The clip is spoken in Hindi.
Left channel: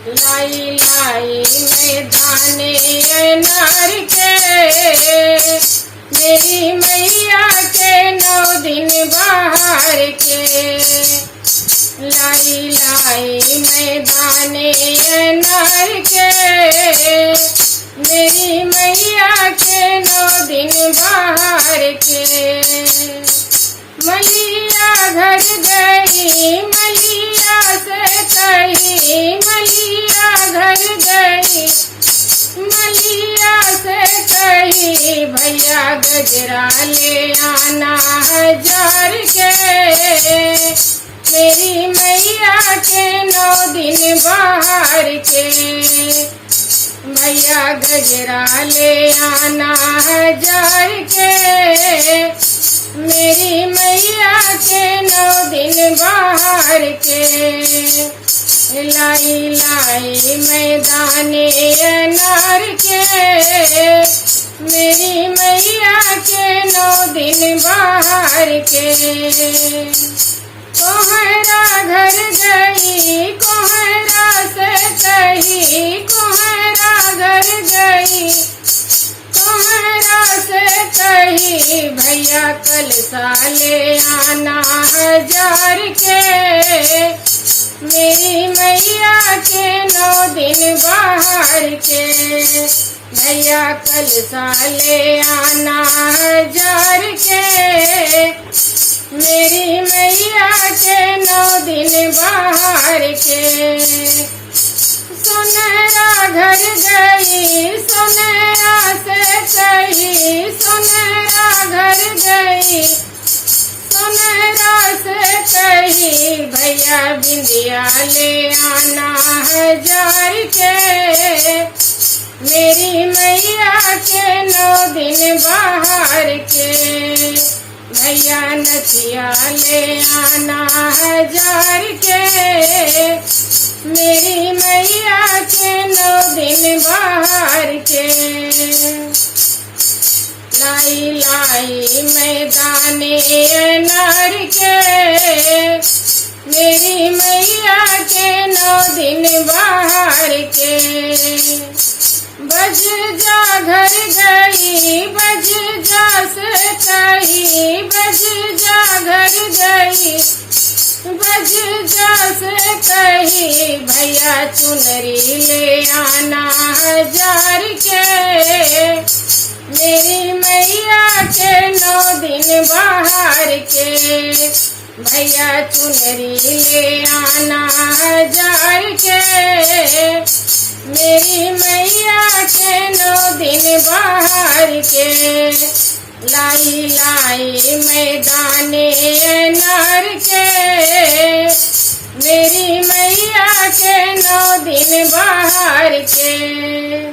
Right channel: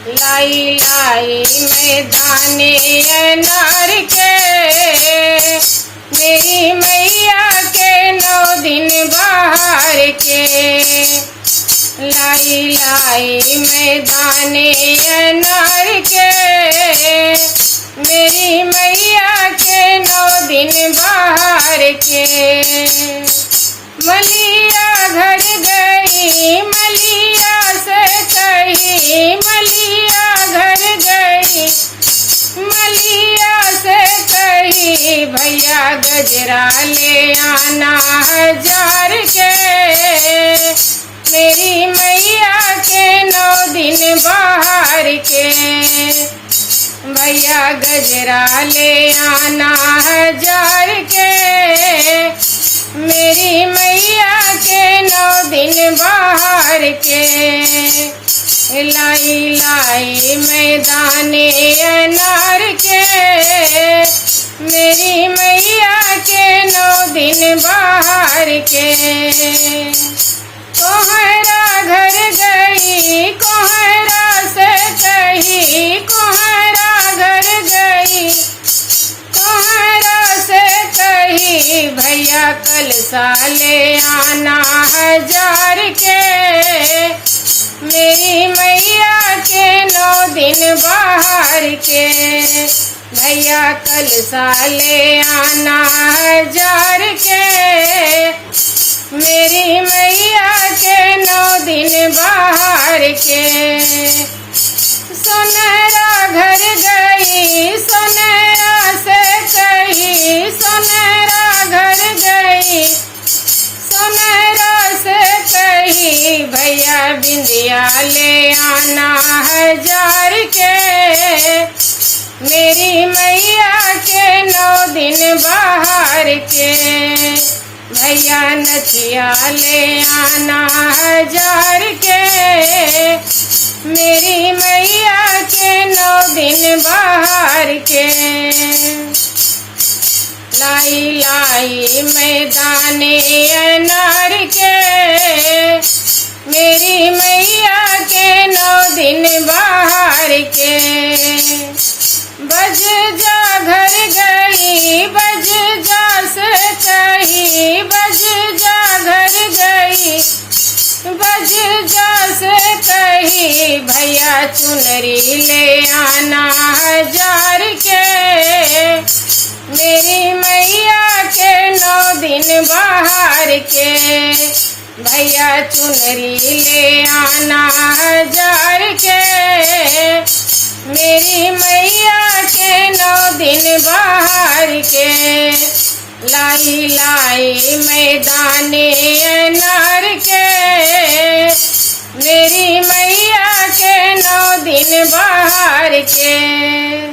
लाई लाई मैं दाने अनार के, मेरी मैया के 9 दिन बाहर के। लाई लाई मैं दाने अनार के, मेरी मैया के 9 दिन बाहर के। मलिया घर गई मलिया से कही, मलिया घर गई मलिया से कही, भैया गजरा ले आना 1000 के, मेरी मैया के 9 दिन बाहर के। भैया गजरा ले आना 1000 के, मेरी मैया के 9 दिन बाहर के। लाई लाई मैं दाने अनार के, मेरी मैया के 9 दिन बाहर के। कोहरा घर गई कोहरा से कही, कोहरा घर गई कोहरा से कही, भैया कलसा ले आना 1000 के, मेरी मैया के 9 दिन बाहर के। भैया कलसा ले आना 1000 के, मेरी मैया के 9 दिन बाहर के। सोनेरा घर गई सोनेरा से कही, सोनेरा घर गई सोनेरा से कही, भैया बिंदिया ले आना 1000 के, मेरी मैया के 9 दिन बाहर के। भैया नथिया ले आना 1000 के, मेरी मैया के 9 दिन बाहर के। लाई लाई मैं दाने अनार के, मेरी मैया के 9 दिन बाहर के। बज जा घर गई बज जा से कही, बज जा घर गई बज जा से कही, भैया चुनरी ले आना 1000 के, मेरी मैया के 9 दिन बाहर के। भैया चुनरी ले आना 1000 के, मेरी मैया के 9 दिन बाहर के। लाई लाई मैं दाने अनार के, मेरी मैया के 9 दिन बाहर के।